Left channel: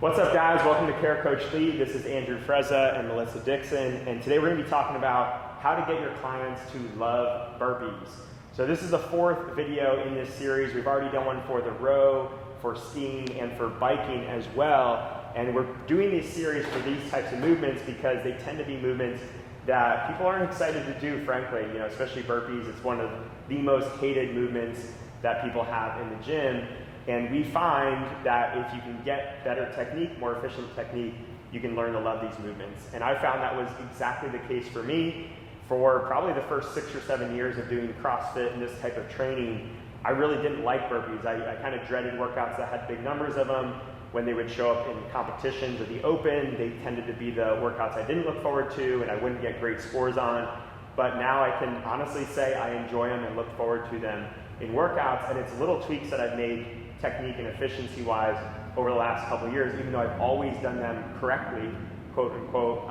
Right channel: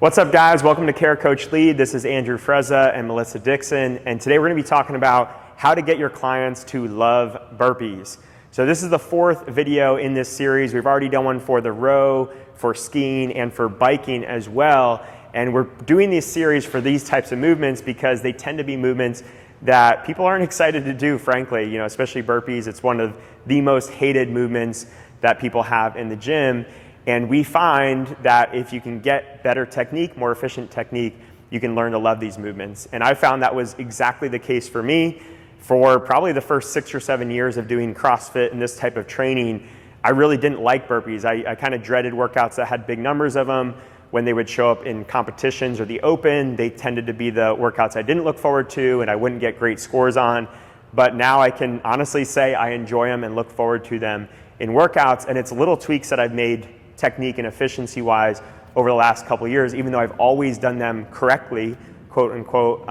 What's up, guys? Welcome to Care Coach Lead. This is Andrew Frezza and Melissa Dixon, and today we're going to be talking about how to get your clients to love burpees. So this is the fourth video in this series. We've already done one for the row, for skiing, and for biking as well. And we're doing these series for these types of movements because they tend to be movements that people aren't excited to do, frankly, especially burpees. It's one of the most hated movements that people have in the gym. And we find that if you can get better technique, more efficient technique, you can learn to love these movements. And I found that was exactly the case for me. For probably the first 6 or 7 years of doing CrossFit and this type of training, I really didn't like burpees. I kind of dreaded workouts that had big numbers of them. When they would show up in competitions or the open, they tended to be the workouts I didn't look forward to and I wouldn't get great scores on. But now I can honestly say I enjoy them and look forward to them in workouts. And it's little tweaks that I've made technique and efficiency wise over the last couple of years, even though I've always done them correctly, quote unquote.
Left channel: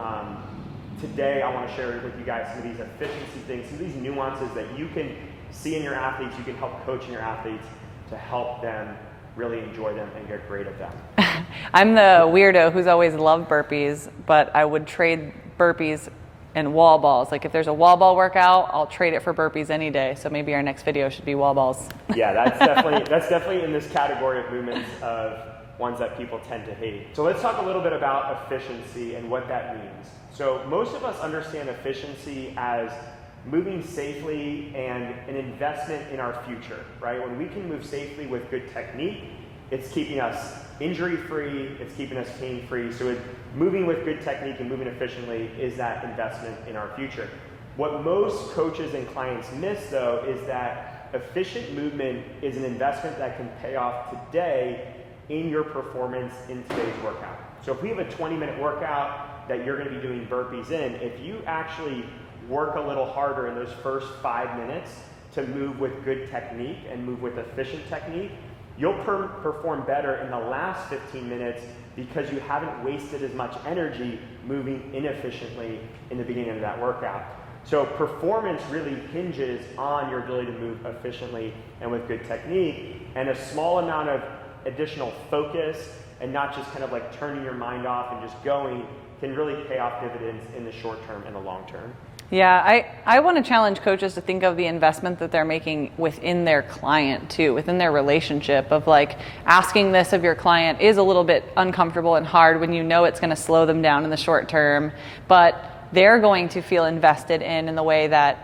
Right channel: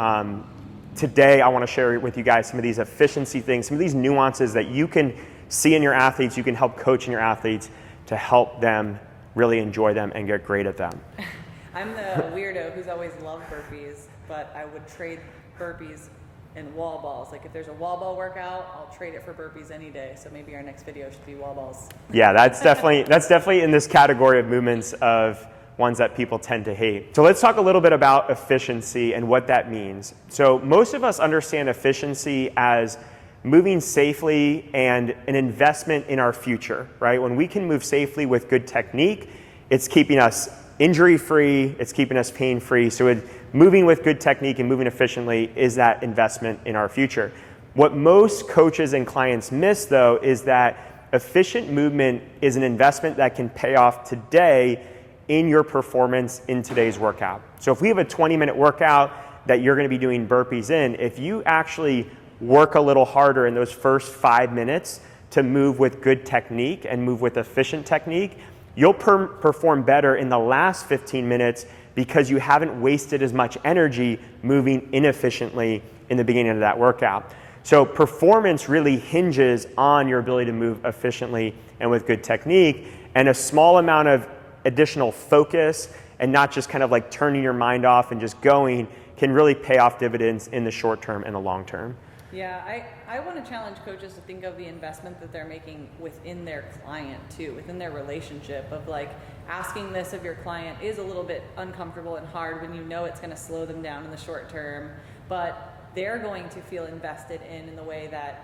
Today I want to share with you guys some of these efficiency things, some of these nuances that you can see in your athletes, you can help coach in your athletes to help them really enjoy them and get great at them. I'm the weirdo who's always loved burpees, but I would trade burpees and wall balls. Like if there's a wall ball workout, I'll trade it for burpees any day. So maybe our next video should be wall balls. Yeah, that's definitely in this category of movements of ones that people tend to hate. So let's talk a little bit about efficiency and what that means. So most of us understand efficiency as moving safely and an investment in our future, right? When we can move safely with good technique, it's keeping us injury-free, it's keeping us pain-free. So moving with good technique and moving efficiently is that investment in our future. What most coaches and clients miss, though, is that efficient movement is an investment that can pay off today in your performance in today's workout. So if we have a 20-minute workout that you're going to be doing burpees in, if you actually work a little harder in those first 5 minutes to move with good technique and move with efficient technique, you'll perform better in the last 15 minutes because you haven't wasted as much energy moving inefficiently in the beginning of that workout. So performance really hinges on your ability to move efficiently and with good technique, and a small amount of additional focus and not just kind of like turning your mind off and just going can really pay off dividends in the short term and the long term. Yeah, I want to challenge coaches to think of the investment that they're making within their client too, within their relationship of like asking this of your client is a little bit uncomfortable and hard when you know it's going to slow them down in the short term, but they're going to feel invested in the way that,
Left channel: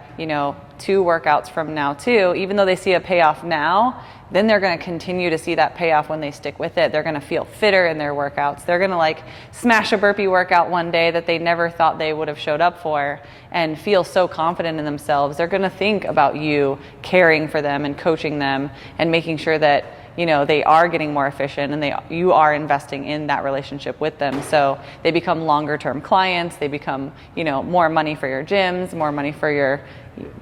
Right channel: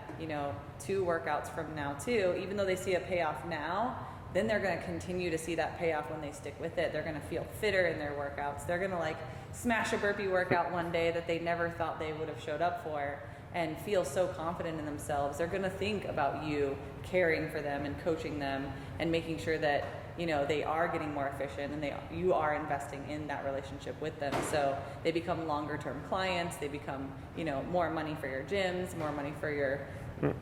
2 workouts from now too, even though they see a payoff now, then they're going to continue to see that payoff when they stick with it. They're going to feel fitter in their workouts. They're going to like smash a burpee workout one day that they never thought they would have showed up for and feel so confident in themselves. They're going to think about you caring for them and coaching them and making sure that they are getting more efficient and you are investing in that relationship with them. So they become longer term clients. They become, more money for your gyms, more money for your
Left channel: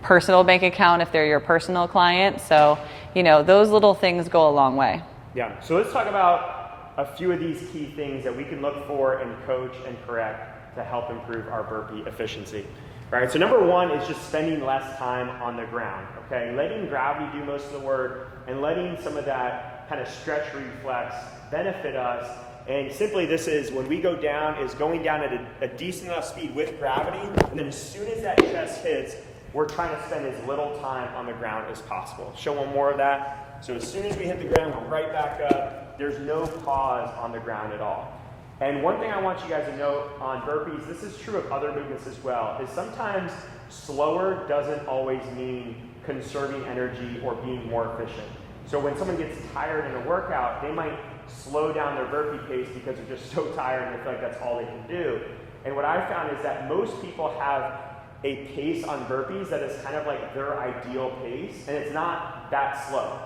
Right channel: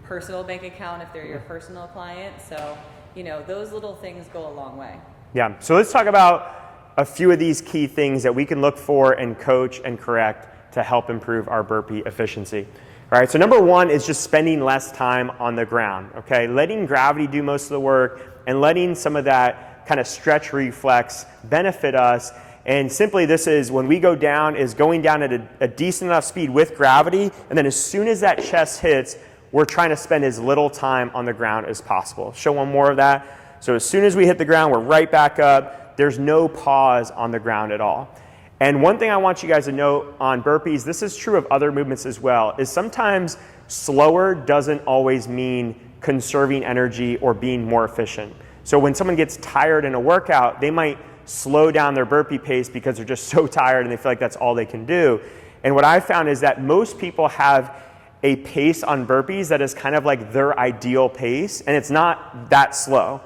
personal bank account if they're your personal client. So, those little things go a long way. Yeah, so let's talk about a few of these key things that we can look for and coach and correct to help improve our burpee efficiency. All right, so number 1 is just spending less time on the ground, okay? Letting gravity do most of the work and letting some of that kind of stretch reflex benefit us. And simply this is when we go down is going down at a decent enough speed with gravity, and then as soon as that chest hits, we're trying to spend as little time on the ground as possible. Show one more of that. So as soon as we hit the ground, we're right back up. There's no pause on the ground at all. And one thing I want you guys to know on burpees, this is true of other movements as well, is sometimes slower doesn't always mean conserving energy or being more efficient. So when someone gets tired in a workout, they might slow down their burpee pace because they're just so tired and they feel like that's all they can do. And what I found is that most people have a pace on burpees that is kind of like their ideal pace, and it's not that slow.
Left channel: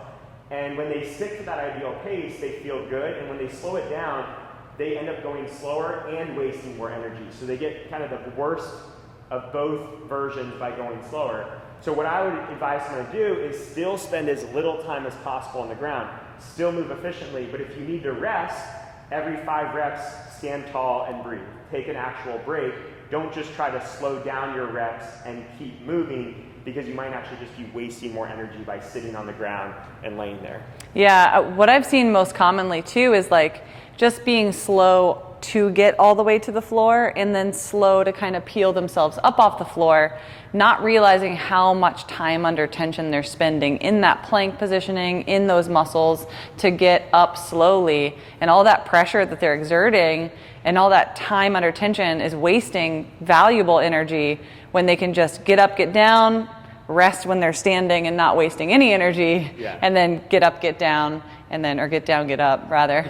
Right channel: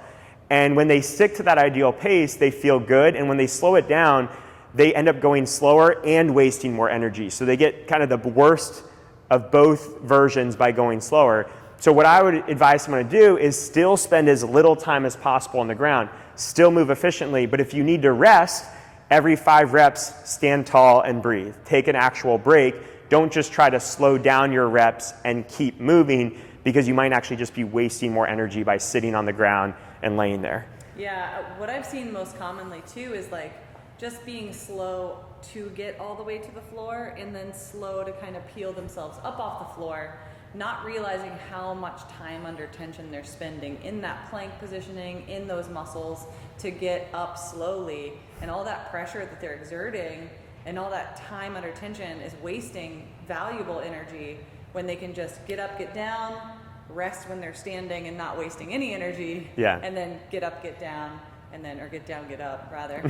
And when they stick to that ideal pace, they feel good, and when they slow it down, they end up going slower and wasting more energy. So they get kind of the worst of both versions by going slower. So what I would advise someone to do is still spend as little time as possible on the ground, still move efficiently, but if you need to rest, every 5 reps, stand tall and breathe. Take an actual break. Don't just try to slow down your reps and keep moving, because you might actually just be wasting more energy by sitting on the ground and laying there. Yeah, what I've seen most commonly too is like just being slow to get all the way to the floor and then slow to kind of peel themselves up off the floor, not realizing how much time under tension they're spending in that plank positioning, in those muscles to get up slowly, and all that pressure that they're exerting and all that time under tension is wasting valuable energy when they can just get up, get down, rest when they're standing and not wasting any energy, and then get up, get down, and then, or get down, get up, rather.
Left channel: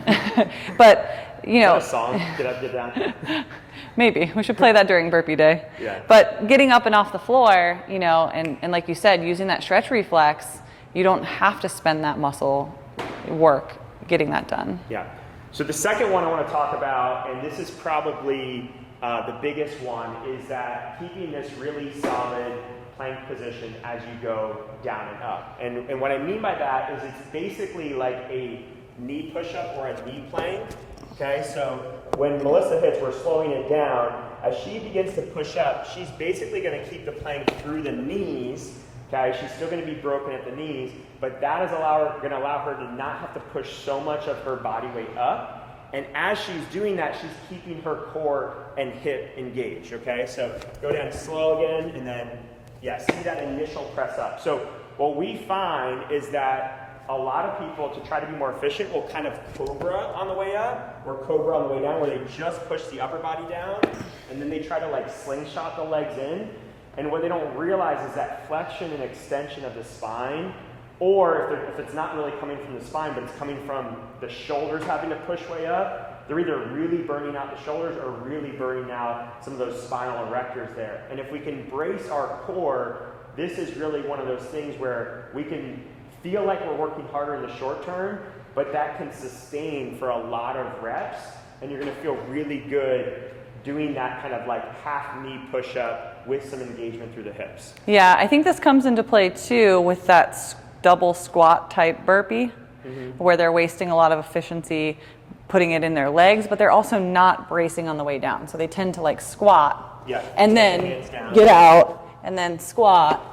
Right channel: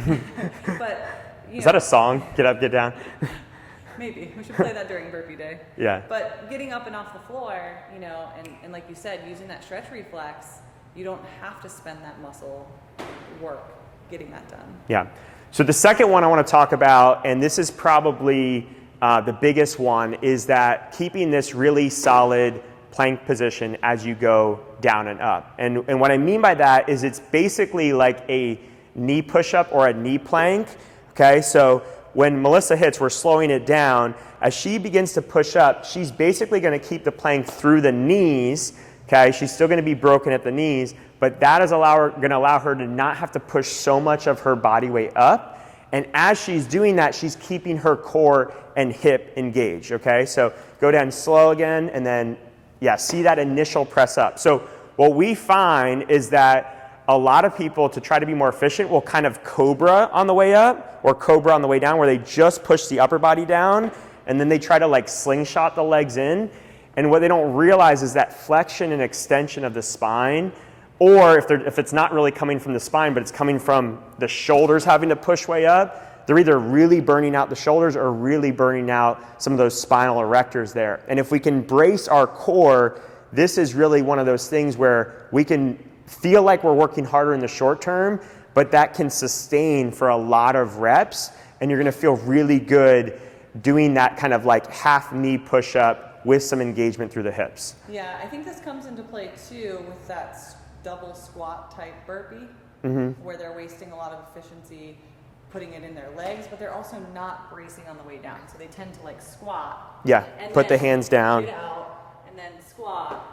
But, you know. Is that a song? Get up, get down? Maybe. We should play that during burpee day. Yeah. But getting up and off the floor, you know, and like you said, using that stretch reflex, you don't have to spend that muscle work getting that done. Yeah. So the second one I want to talk about, and this is probably the biggest one, is that keeping this really solid plank position as you go down and up. And what I mean by that is it's basically like a knee push-up or a knee plank. Okay, so when Melissa hits, we're slowing it down. As she begins to push up, she's basically going to keep the plank through the knees. Okay, she's still going to be broken at the knees, but that is going to allow her to not have to push so much of her body weight up. And as she's doing that, she's keeping her core and hip engaged. Okay, so go down slow again, and then see that initial press up. So what we find is that a lot of people, to try to be more efficient, will kind of cobra on the way up or cobra on the way down, where they just push the upper body down and then they try to like slingshot the legs in. And what they don't realize is that flexion and extension of the spine, or if it's not really coming from the spine, but it's coming from the shoulders having to push way up, they're either really burning out the shoulders or really burning out some of those spinal erectors there. And if we can brace our core, this is really one of those things where we can feel like we're working harder in the short term, but that can sustain for a lot of reps, and you're going to feel really good doing that kind of like half knee push up with some engagement through the hips. Yeah, I think this comes into play too with that double squat type burpee, where they're wasting a lot of efficiency putting it in their legs, but they're also not bracing on the way down. So they tend to like squat. Yeah, and put then the hands down. Get out, and then squat,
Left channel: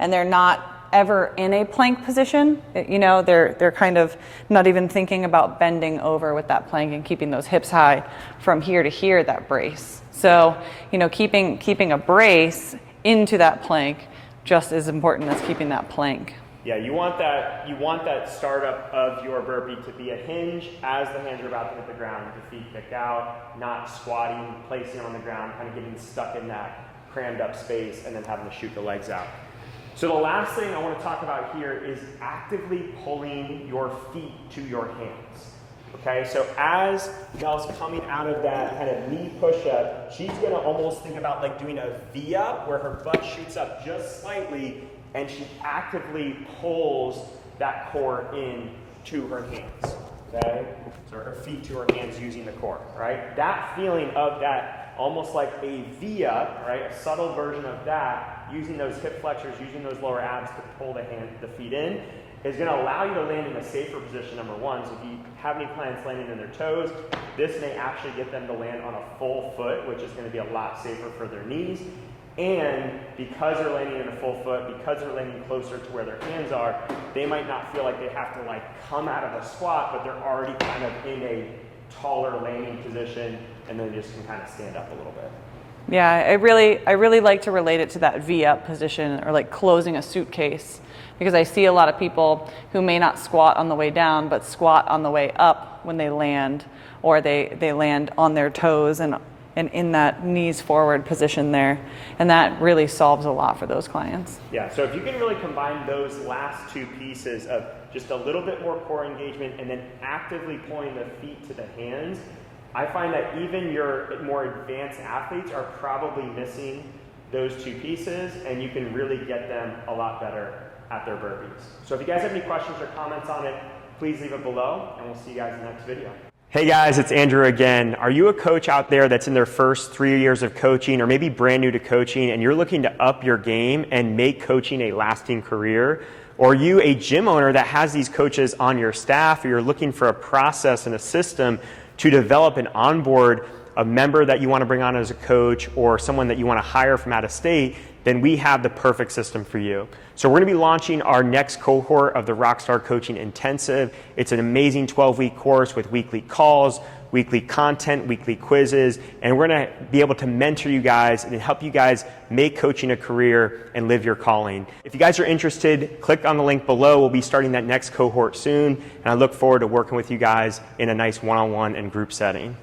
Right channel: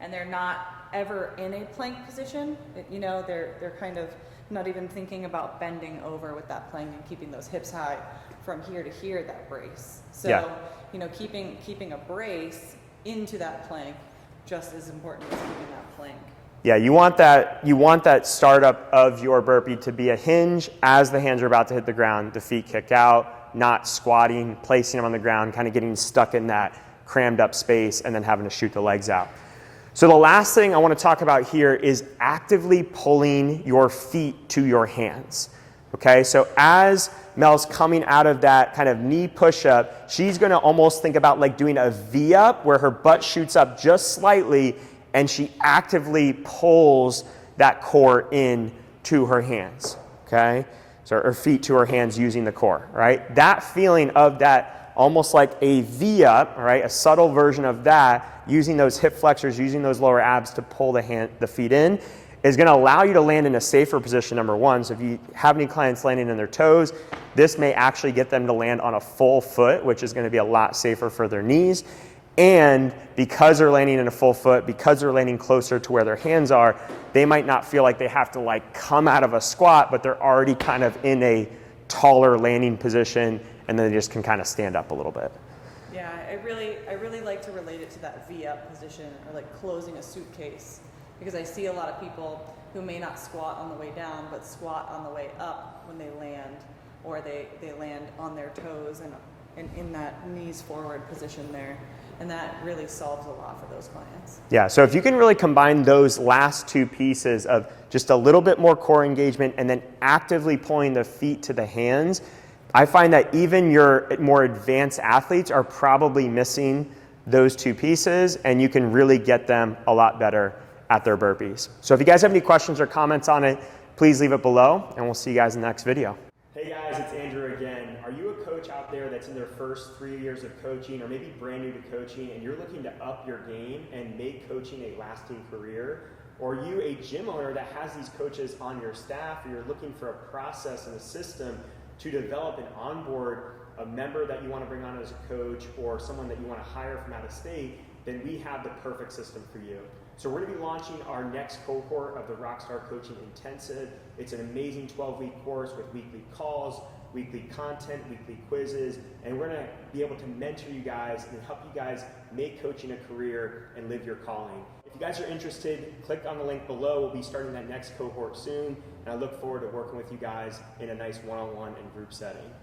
and they're not ever in a plank position. You know, they're kind of not even thinking about bending over with that plank and keeping those hips high from here to here, that brace. So, you know, keeping a brace into that plank just as important as keeping that plank. Yeah, you want that startup of your burpee to be a hinge as the hands are about to hit the ground, the feet kicked out, not squatting, placing them on the ground, kind of getting stuck in that crammed up space and then having to shoot the legs out. So the last thing I want to talk about here is actively pulling your feet to your hands. Okay, so as Mel's coming out of that kind of knee push-up, she's going to almost think about like doing a V-up where her butt shoots up just slightly, and she actively pulls that core in to her hands, okay? So her feet to her hands using the core, right? That feeling of that almost like a V-up, right? A subtle version of that, using those hip flexors, using those lower abs to pull the feet in, is going to allow you to land in a safer position, number one. So if you have any clients landing in their toes, this may actually get them to land on a full foot, which is going to be a lot safer for their knees. And because they're landing in a full foot, because they're landing closer to where their hands are, they might not feel like they have to like come out of a squat, but they're already kind of in a taller landing position, and then they just can kind of stand up a little bit. Yeah, I really like to relate it to that V-up position, or like closing a suitcase, because I see a lot of people who may not squat on the way down, but squat on the way up when they land, or they land on their toes and in that knees forward position there. And that really solves a lot for those clients. Yeah, so if you can really combine those last two pieces of just a little bit more core engagement and then actively pulling the feet to the hands, I find that even your more advanced athletes are probably missing those two pieces, and you can really get them a lot better at their burpees. So if you guys have any questions or comments on it, please leave it below, and we'll see you guys in the next video. Hey guys, it's Andrew again. Are you a coach out there that's in their first 3 years of coaching, or maybe brand new to coaching, and you're looking to up your game and make coaching a lasting career? Or are you a gym owner that has these coaches on your staff, or you're looking for a process and a system to develop and onboard a member that you want to bring on as a coach, or someone that you want to hire from out of state then we have the perfect system for you. So we're going to be launching our next cohort of the Rockstar Coaching Intensive. It's an amazing 12-week course with weekly calls, weekly content, weekly quizzes, and we're going to be able to mentor you guys and help you guys make coaching a career and live your calling. If you guys are interested, click on the link below. We'll be starting that next cohort soon, and I look forward to working with you guys in a nice one-on-one and group setting.